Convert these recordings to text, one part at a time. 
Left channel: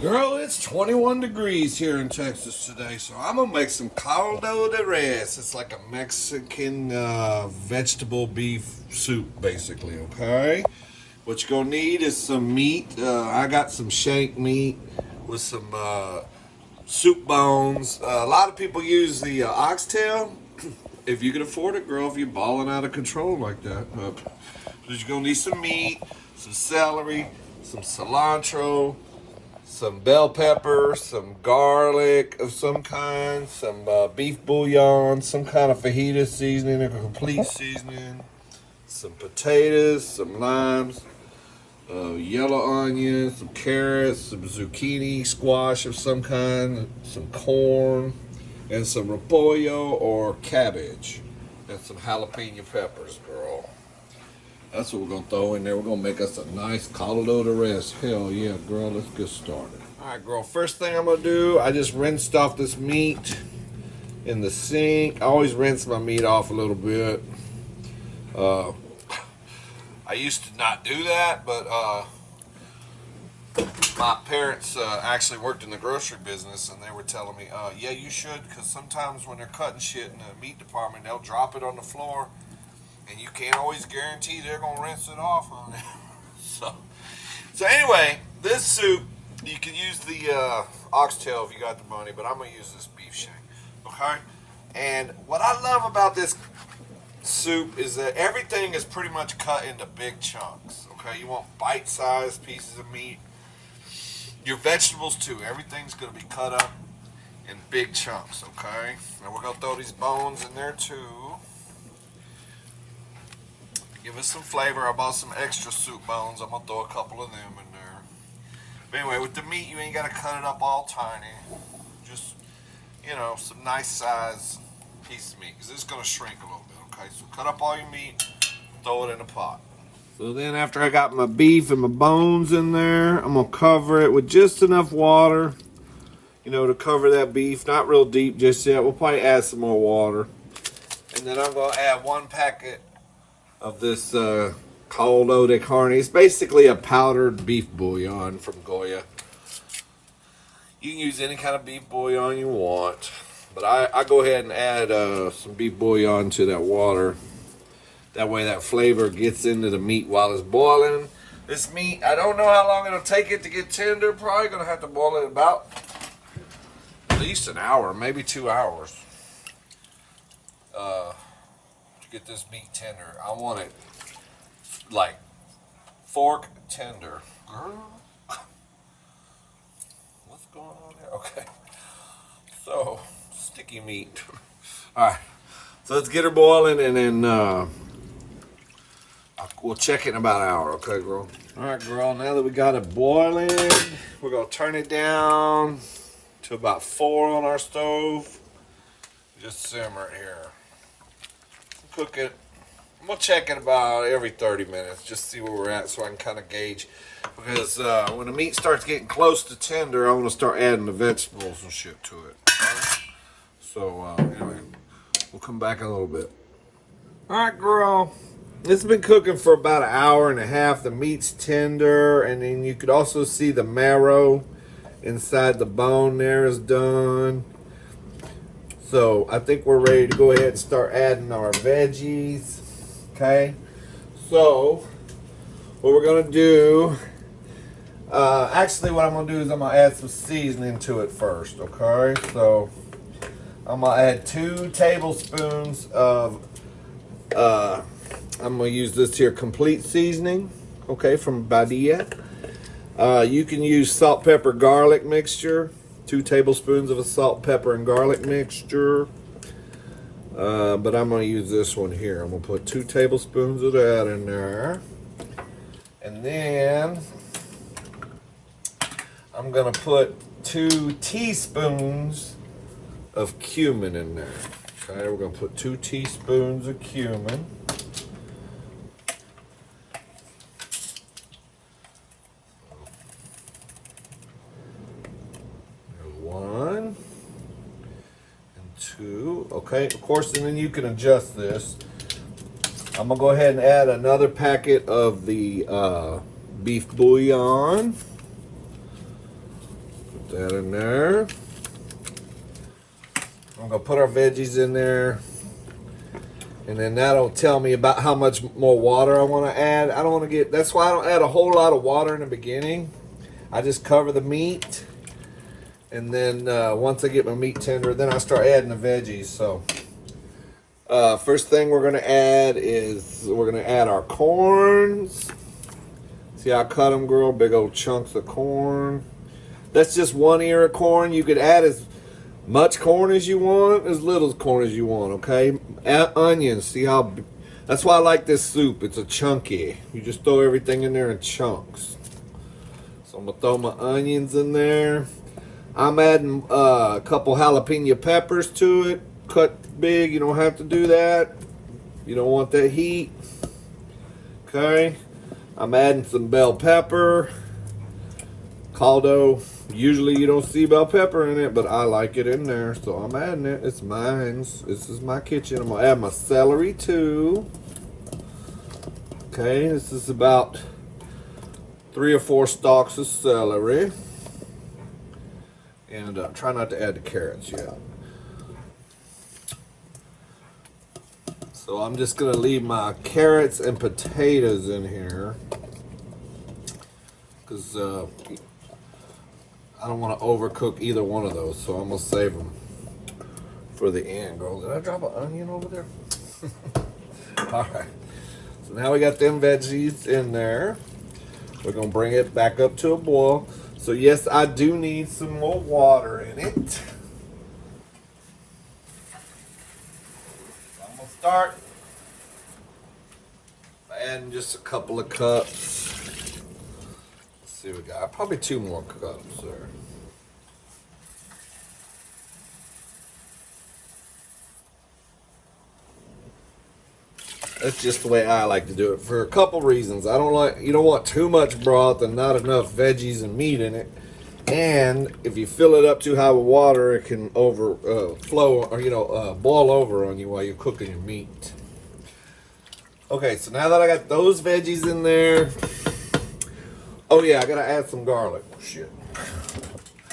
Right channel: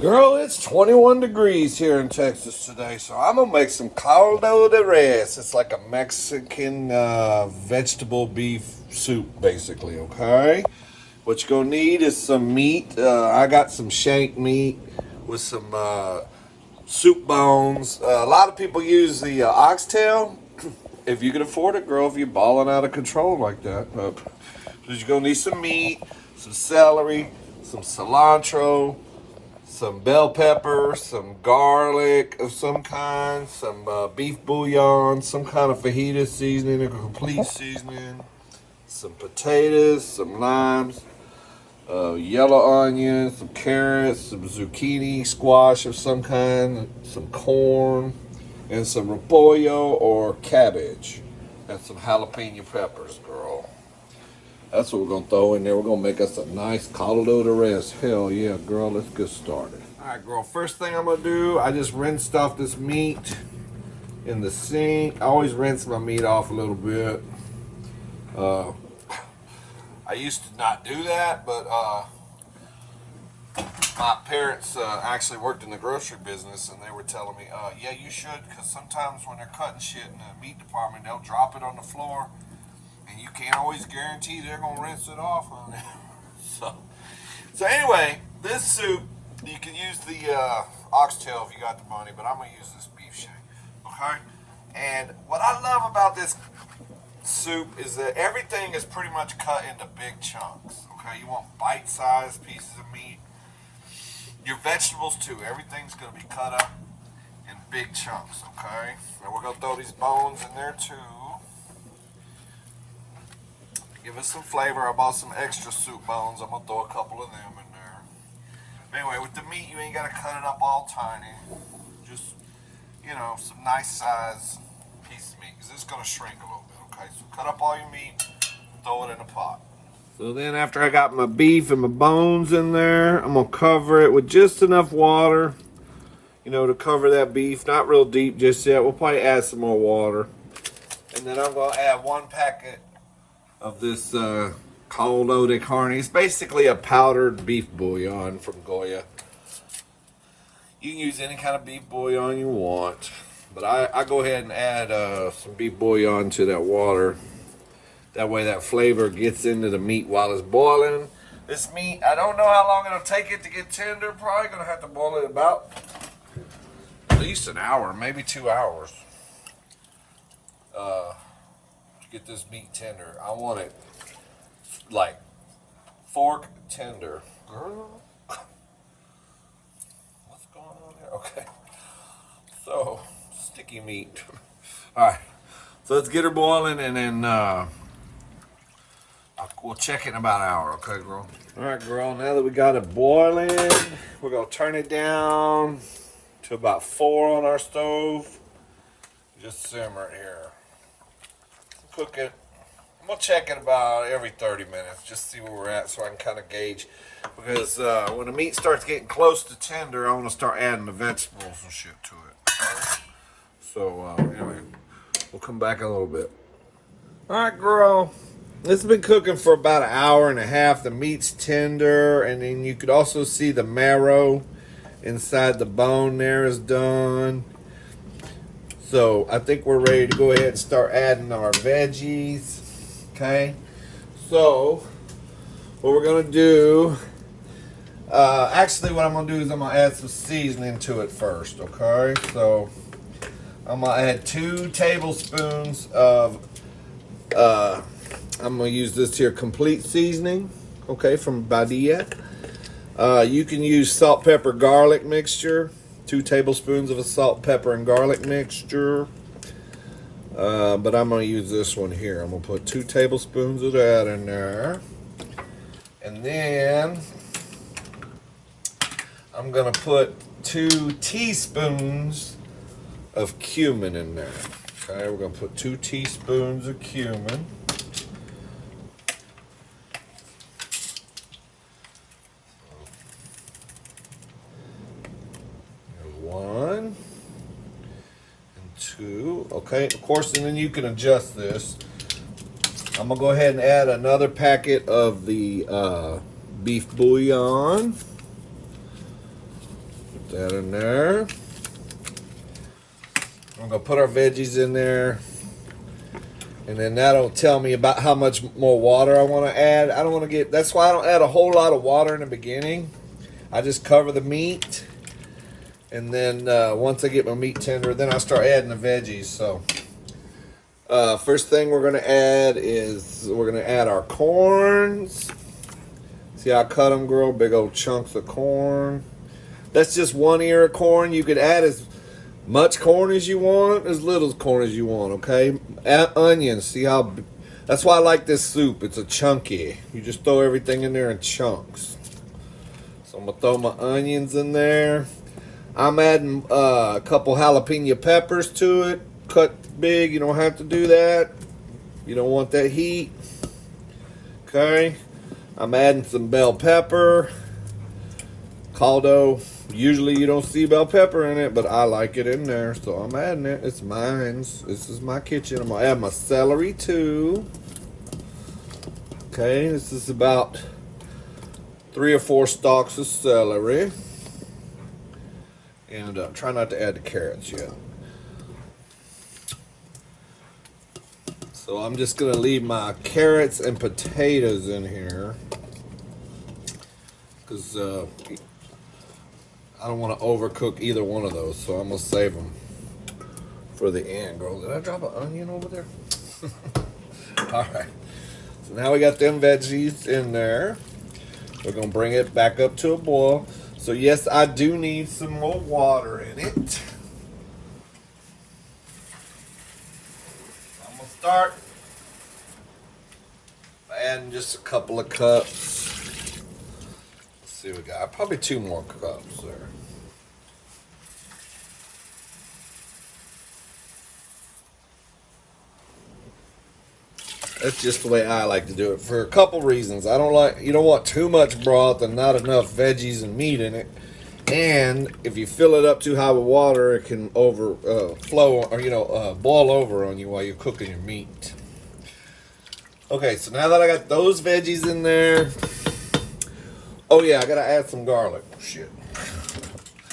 Girl, it's 21 degrees here in Texas today, so I'm gonna make some caldo de res. It's like a Mexican vegetable beef soup, basically, okay? What you're gonna need is some meat. I got some shank meat with some soup bones. A lot of people use the oxtail. If you can afford it, girl, if you're balling out of control like that. So you're gonna need some meat, some celery, some cilantro, some bell pepper, some garlic of some kind, some beef bouillon, some kind of fajita seasoning, a complete seasoning, some potatoes, some limes, yellow onions, some carrots, some zucchini, squash of some kind, some corn, and some repollo or cabbage, and some jalapeno peppers, girl. That's what we're gonna throw in there. We're gonna make us a nice caldo de res. Hell yeah, girl, let's get started. All right, girl, first thing I'm gonna do, I just rinsed off this meat in the sink. I always rinse my meat off a little bit. I used to not do that, but my parents actually worked in the grocery business, and they were telling me, yeah, you should, because sometimes when they're cutting shit in the meat department, they'll drop it on the floor, and you can't always guarantee they're gonna rinse it off on it. So anyway, this soup, you can use the oxtail if you got the money, but I'm gonna use this beef shank. Okay. And what I love about this soup is that everything is pretty much cut into big chunks. Okay, you want bite-sized pieces of meat. Your vegetables too. Everything's gonna be cut up in big chunks. Okay. And we're gonna throw these bones in there too. Give us some flavor. I bought some extra soup bones. I'm going to throw a couple of them in there. But anyway, with the meat, you ain't got to cut it up all tiny. Just, you know, some nice size piece of meat. Because it's going to shrink a little bit, okay? So cut up all your meat, throw it in a pot. So then after I got my beef and my bones in there, I'm going to cover it with just enough water, you know, to cover that beef. Not real deep just yet. We'll probably add some more water. And then I'm going to add 1 packet of this caldo de carne. It's basically a powdered beef bouillon from Goya. You can use any kind of beef bouillon you want, but I go ahead and add some beef bouillon to that water. That way that flavor gets into the meat while it's boiling. This meat, I don't know how long it'll take it to get tender. Probably gonna have to boil it about at least an hour, maybe 2 hours. Get this meat tender. I want it like fork tender. Girl, what's going on there? Okay, so sticky meat. All right, so let's get her boiling, and then we'll check it in about an hour. Okay, girl. All right, girl. Now that we got it boiling, we're gonna turn it down to about 4 on our stove. Just simmer it here. Cook it. I'm gonna check it about every 30 minutes, just see where we're at, so I can kind of gauge. Because when the meat starts getting close to tender, I want to start adding the vegetables and shit to it. Okay? So anyway, we'll come back in a little bit. All right, girl. It's been cooking for about 1.5 hours. The meat's tender, and then you could also see the marrow inside the bone there is done. So I think we're ready to go ahead and start adding our veggies. Okay. So what we're gonna do, actually what I'm gonna do is I'm gonna add some seasoning to it first. Okay. So I'm gonna add 2 tablespoons of, I'm gonna use this here complete seasoning. Okay, from Badia. You can use salt, pepper, garlic mixture. 2 tablespoons of a salt, pepper, and garlic mixture. But I'm going to use this one here. I'm going to put 2 tablespoons of that in there. And then I'm going to put 2 teaspoons of cumin in there. Okay, we're going to put 2 teaspoons of cumin. Okay, of course, and then you can adjust this. I'm gonna go ahead and add another packet of the beef bouillon. that in there. I'm gonna put our veggies in there. And then that'll tell me about how much more water I want to add. I don't want to get, that's why I don't add a whole lot of water in the beginning. I just cover the meat. And then once I get my meat tender, then I start adding the veggies. So first thing we're going to add is we're going to add our corns. See how I cut them, girl? Big old chunks of corn. That's just one ear of corn. You could add as much corn as you want, as little corn as you want, okay? Add onions. See how... That's why I like this soup. It's a chunky. You just throw everything in there in chunks. So I'm going to throw my onions in there. I'm adding a couple jalapeno peppers to it. Cut big. You don't have to do that. You don't want that heat. Okay? I'm adding some bell pepper. Caldo. Usually you don't see bell pepper in it, but I like it in there, so I'm adding it. It's mine. This is my kitchen. I'm going to add my celery too. Okay, this is about 3 or 4 stalks of celery. And try not to add the carrots yet. So I'm just going to leave my carrots and potatoes in here. Because I don't want to overcook either one of those, so I'm going to save them for the end, girl. Did I drop an onion over there? All right. So now we got them veggies in there. We're going to bring it back up to a boil. So yes, I do need some more water in it. I'm going to start by adding just a couple of cups. See what we got. Probably 2 more cups there. That's just the way I like to do it for a couple reasons. You don't want too much broth and not enough veggies and meat in it. And if you fill it up too high with water, it can overflow or boil over on you while you're cooking your meat. Okay, so now that I got those veggies in there. Oh yeah, I gotta add some garlic. Shit.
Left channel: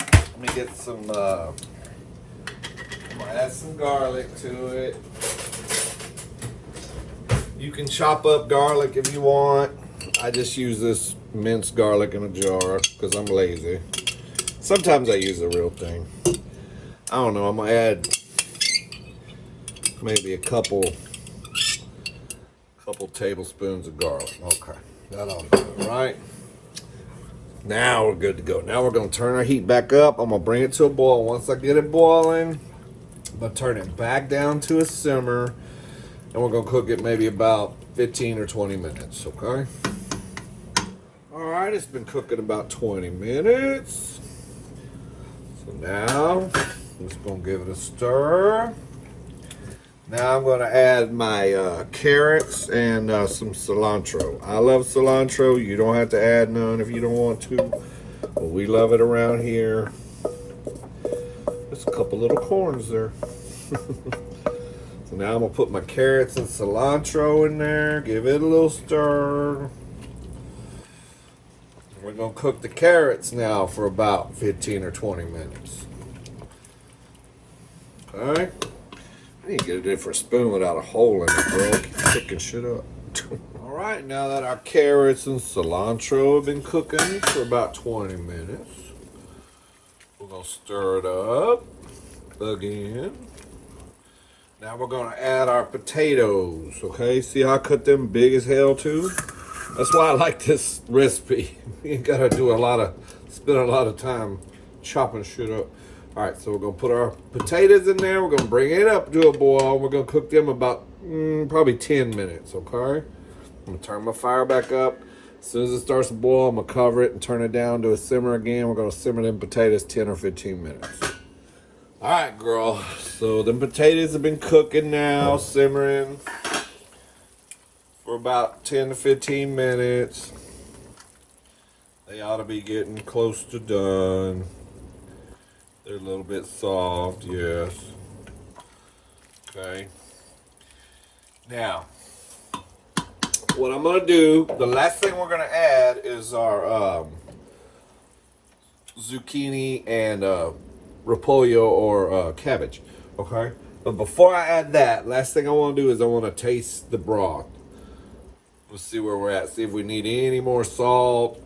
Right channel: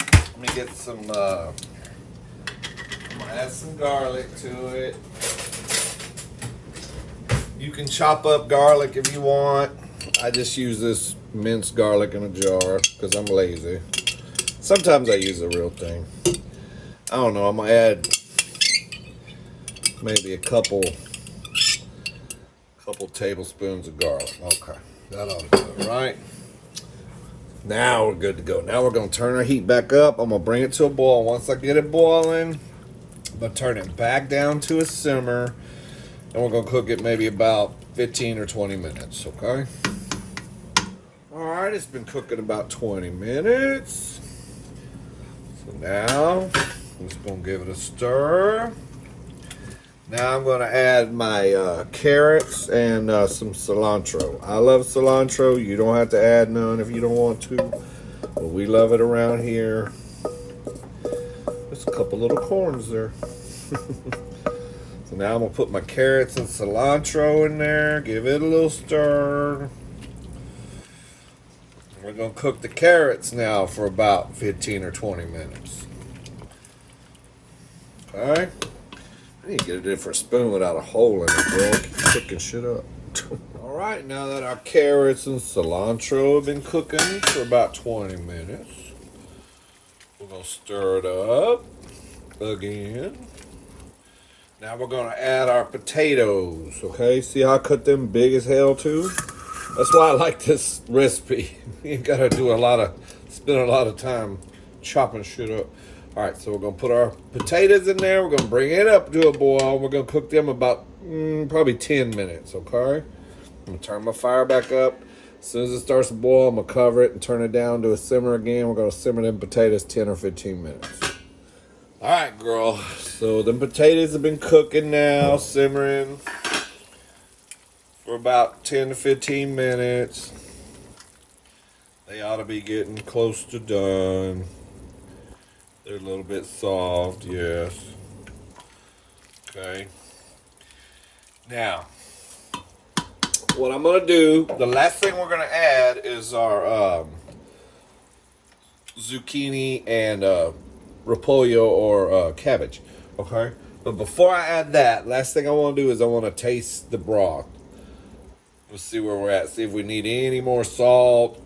Let me get some, I'm gonna add some garlic to it. You can chop up garlic if you want. I just use this minced garlic in a jar because I'm lazy. Sometimes I use the real thing. I don't know, I'm gonna add maybe a couple tablespoons of garlic. Okay, that ought to do it, right? Now we're good to go. Now we're going to turn our heat back up. I'm going to bring it to a boil. Once I get it boiling, I'm going to turn it back down to a simmer. And we're going to cook it maybe about 15 or 20 minutes, okay? All right, it's been cooking about 20 minutes. So now, I'm just going to give it a stir. Now I'm going to add my carrots and some cilantro. I love cilantro. You don't have to add none if you don't want to. But we love it around here. There's a couple little corns there. So now I'm going to put my carrots and cilantro in there. Give it a little stir. We're going to cook the carrots now for about 15 or 20 minutes. Okay. I need to get a different spoon without a hole in it, bro. Keep cooking shit up. Alright, now that our carrots and cilantro have been cooking for about 20 minutes, we're going to stir it up again. Now we're going to add our potatoes, okay? See how I cut them big as hell too? That's why I like this recipe. You ain't got to spend a lot of time chopping shit up. All right, so we're going to put our potatoes in there. We're going to bring it up to a boil. We're going to cook them about probably 10 minutes, okay? I'm going to turn my fire back up. As soon as it starts to boil, I'm going to cover it and turn it down to a simmer again. We're going to simmer them potatoes 10 or 15 minutes. All right, girl. So them potatoes have been cooking now, simmering for about 10 to 15 minutes. They ought to be getting close to done. They're a little bit soft, yes. Okay. Now, what I'm going to do, the last thing we're going to add is our zucchini and repolyo or cabbage. Okay, but before I add that, last thing I want to do is I want to taste the broth. Let's see where we're at. See if we need any more salt,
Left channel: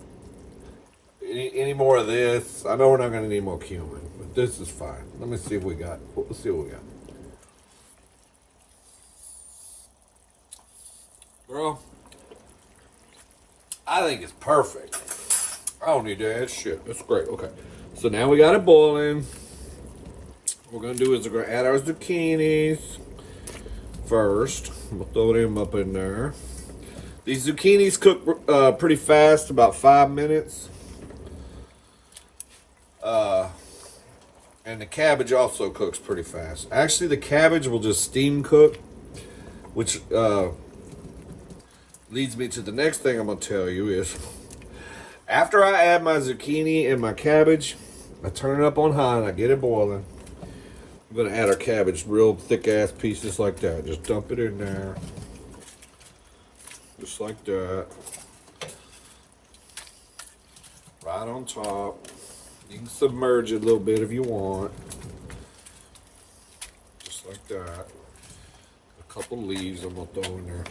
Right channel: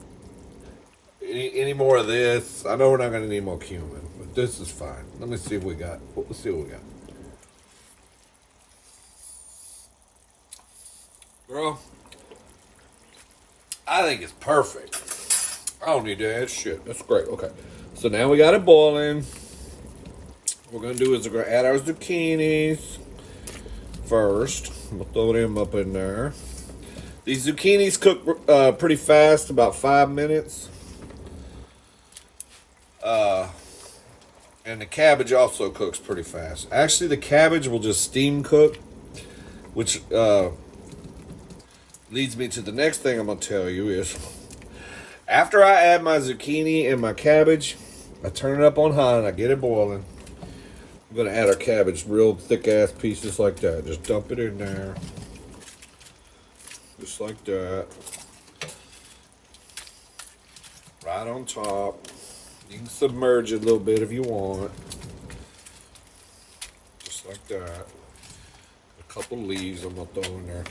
any more of this. I know we're not going to need more cumin, but this is fine. Let me see if we got. Let's see what we got. Girl, I think it's perfect. I don't need to add shit. That's great. Okay, so now we got it boiling. What we're gonna do is we're gonna add our zucchinis first. We'll throw them up in there. These zucchinis cook pretty fast, about 5 minutes. And the cabbage also cooks pretty fast. Actually, the cabbage will just steam cook, which leads me to the next thing I'm gonna tell you is, after I add my zucchini and my cabbage, I turn it up on high and I get it boiling. I'm gonna add our cabbage, real thick ass pieces like that. Just dump it in there. Just like that. Right on top. You can submerge it a little bit if you want. Just like that. A couple leaves I'm gonna throw in there.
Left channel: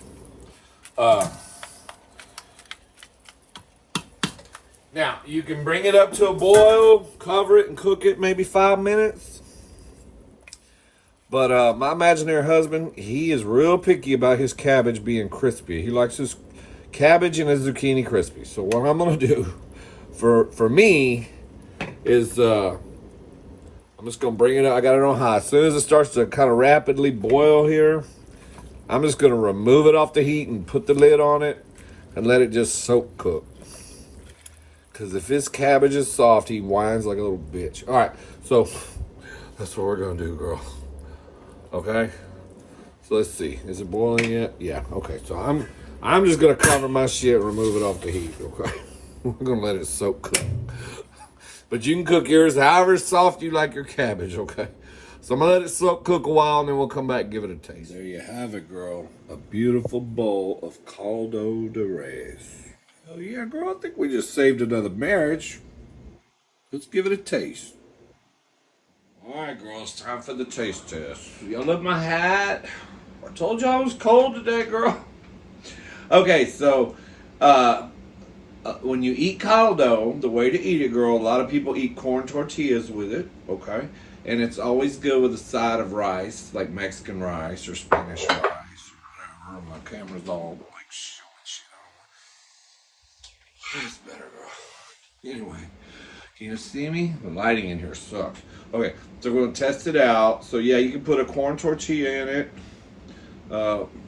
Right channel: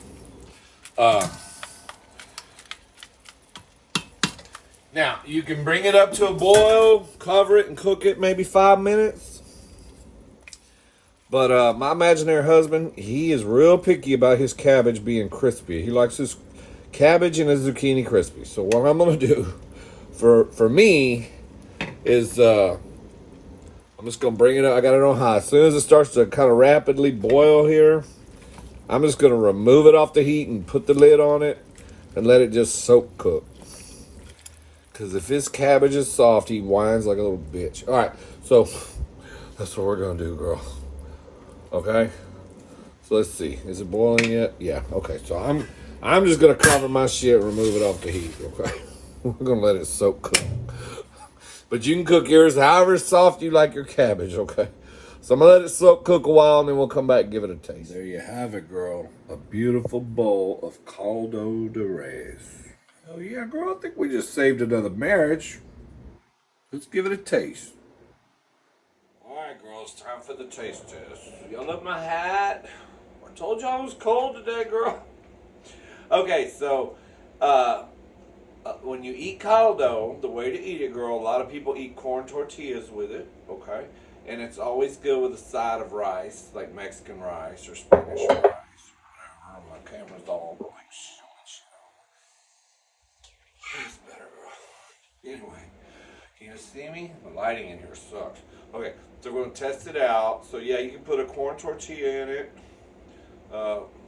Now, you can bring it up to a boil, cover it, and cook it maybe 5 minutes. But my imaginary husband, he is real picky about his cabbage being crispy. He likes his cabbage and his zucchini crispy. So what I'm going to do for me is I'm just going to bring it up. I got it on high. As soon as it starts to kind of rapidly boil here, I'm just going to remove it off the heat and put the lid on it and let it just soak cook. Because if his cabbage is soft, he whines like a little bitch. All right, so that's what we're going to do, girl. Okay, so let's see. Is it boiling yet? Yeah. Okay, so I'm just gonna cover my shit and remove it off the heat. Okay, we're gonna let it soak cook. But you can cook yours however soft you like your cabbage. Okay, so I'm gonna let it soak cook a while and then we'll come back and give it a taste. There you have it, girl. A beautiful bowl of caldo de res. Oh yeah, girl. I think we just saved another marriage. Let's give it a taste. Alright, girl, it's time for the taste test. Y'all love my hat? I told y'all it was cold today, girl. Okay, so when you eat caldo, the way to eat it, girl, a lot of people eat corn tortillas with it, okay? And it's always good with a side of rice, like Mexican rice or Spanish rice, or whatever. My camera's all like showing shit on. That's better, girl. Anyway. Can you see me? The lighting in here sucks. Okay, so we're going to test it out. So yeah, you can put a corn tortilla in it.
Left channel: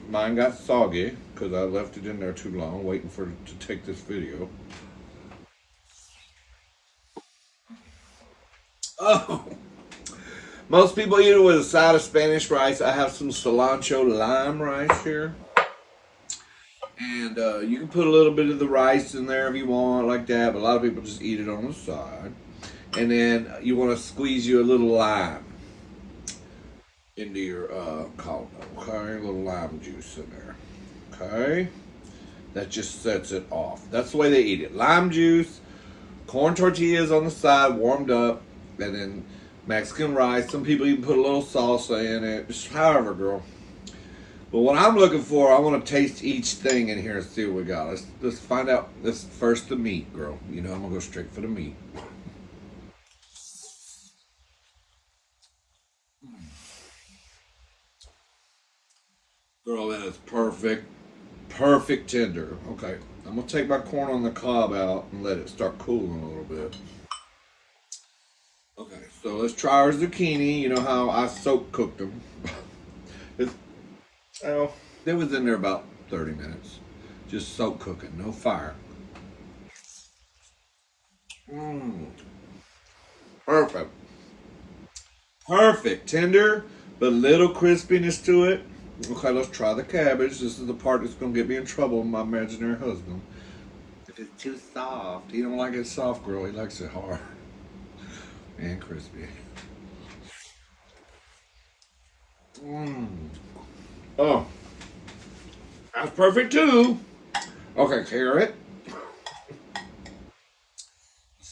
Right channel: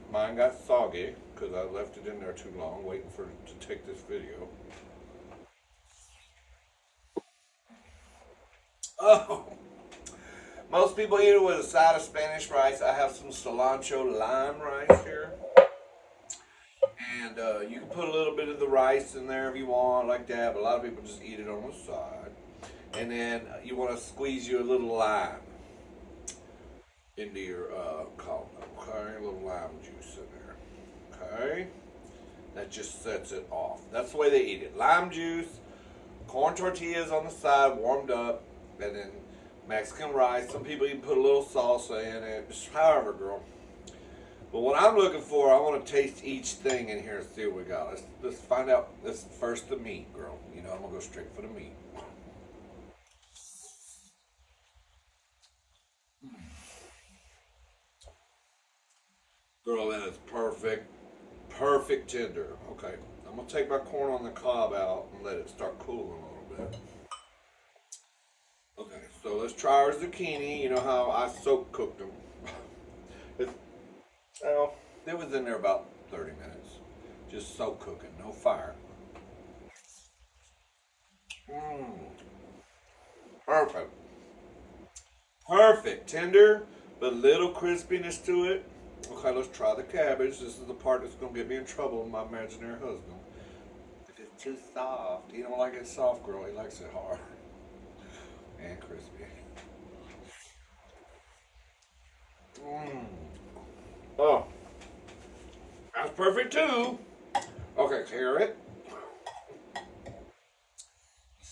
Mine got soggy because I left it in there too long waiting for it to take this video. Oh! Most people eat it with a side of Spanish rice. I have some cilantro lime rice here. And you can put a little bit of the rice in there if you want, like that. But a lot of people just eat it on the side. And then you want to squeeze you a little lime into your caldo. Okay, a little lime juice in there. Okay, that just sets it off. That's the way they eat it. Lime juice, corn tortillas on the side, warmed up, and then Mexican rice. Some people even put a little salsa in it. Just however, girl. But what I'm looking for, I want to taste each thing in here and see what we got. Let's find out. This first the meat, girl. You know I'm gonna go straight for the meat. Girl, that is perfect. Perfect tender. Okay, I'm gonna take my corn on the cob out and let it start cooling a little bit. Okay, so let's try our zucchini. You know how I soak cooked them. Well, it was in there about 30 minutes. Just soak cooking, no fire. Perfect. Perfect. Tender, but little crispiness to it. Okay, let's try the cabbage. This is the part that's going to get me in trouble with my imaginary husband. If it's too soft. He don't like it soft, girl. He likes it hard and crispy. Oh, that's perfect too. Okay, carrot.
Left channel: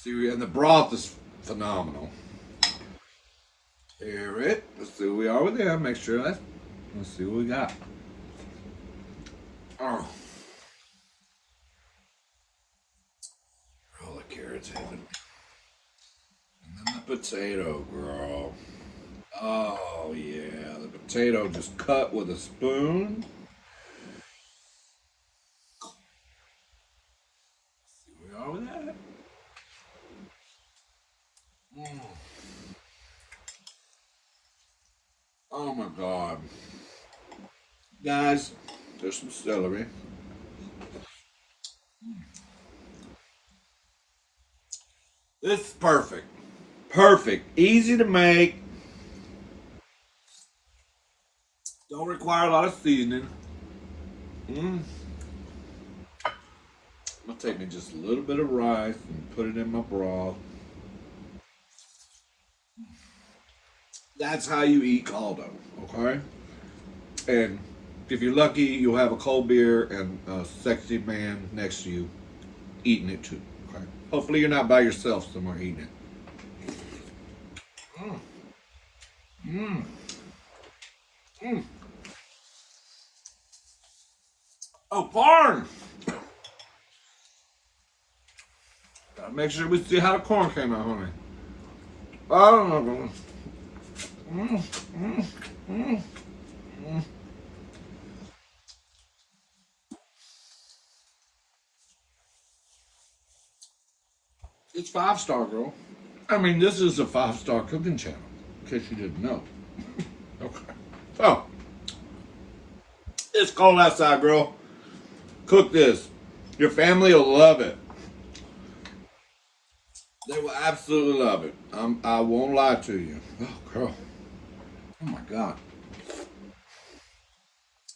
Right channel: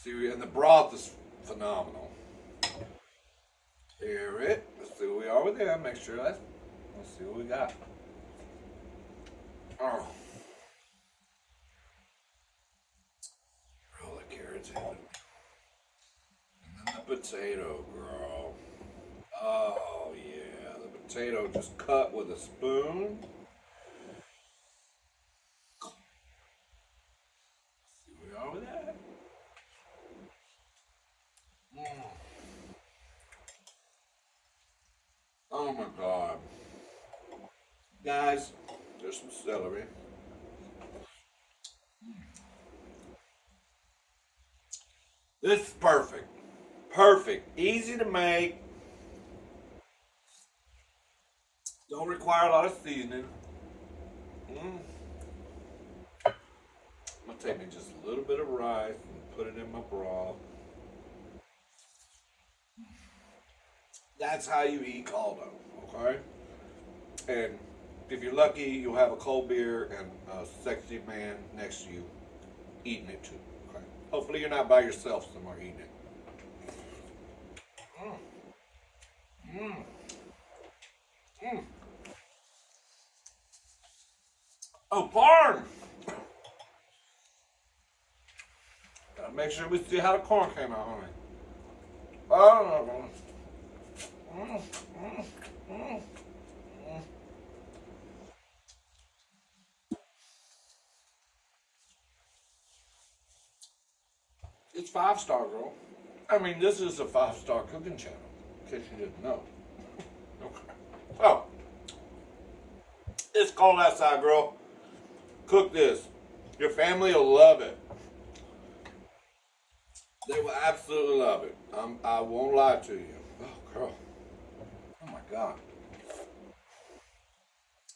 See, and the broth is phenomenal. Hear it. Let's see where we are with them. Make sure that's. Let's see what we got. Oh. Roll the carrots in. And then the potato, girl. Oh, yeah. The potato just cut with a spoon. See where we are with that. Oh my God. Guys, there's some celery. This is perfect. Perfect. Easy to make. Don't require a lot of seasoning. It'll take me just a little bit of rice and put it in my broth. That's how you eat caldo, okay? And if you're lucky, you'll have a cold beer and a sexy man next to you eating it too, okay? Hopefully you're not by yourself somewhere eating it. Oh, corn! Gotta make sure we see how the corn came out, honey. Oh, It's 5-star, girl. I mean, this is a 5-star cooking channel, in case you didn't know. Okay. So, it's cold outside, girl. Cook this. Your family will love it. They will absolutely love it. I won't lie to you. Oh, girl. Oh, my God.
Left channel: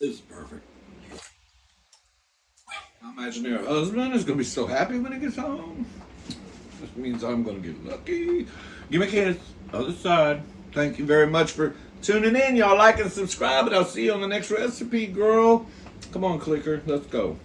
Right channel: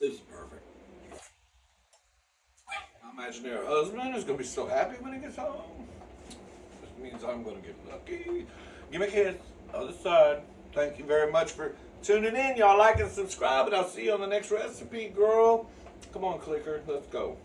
This is perfect. My imaginary husband is going to be so happy when he gets home. This means I'm going to get lucky. Give me a kiss. Other side. Thank you very much for tuning in. Y'all like and subscribe, and I'll see you on the next recipe, girl. Come on, clicker. Let's go.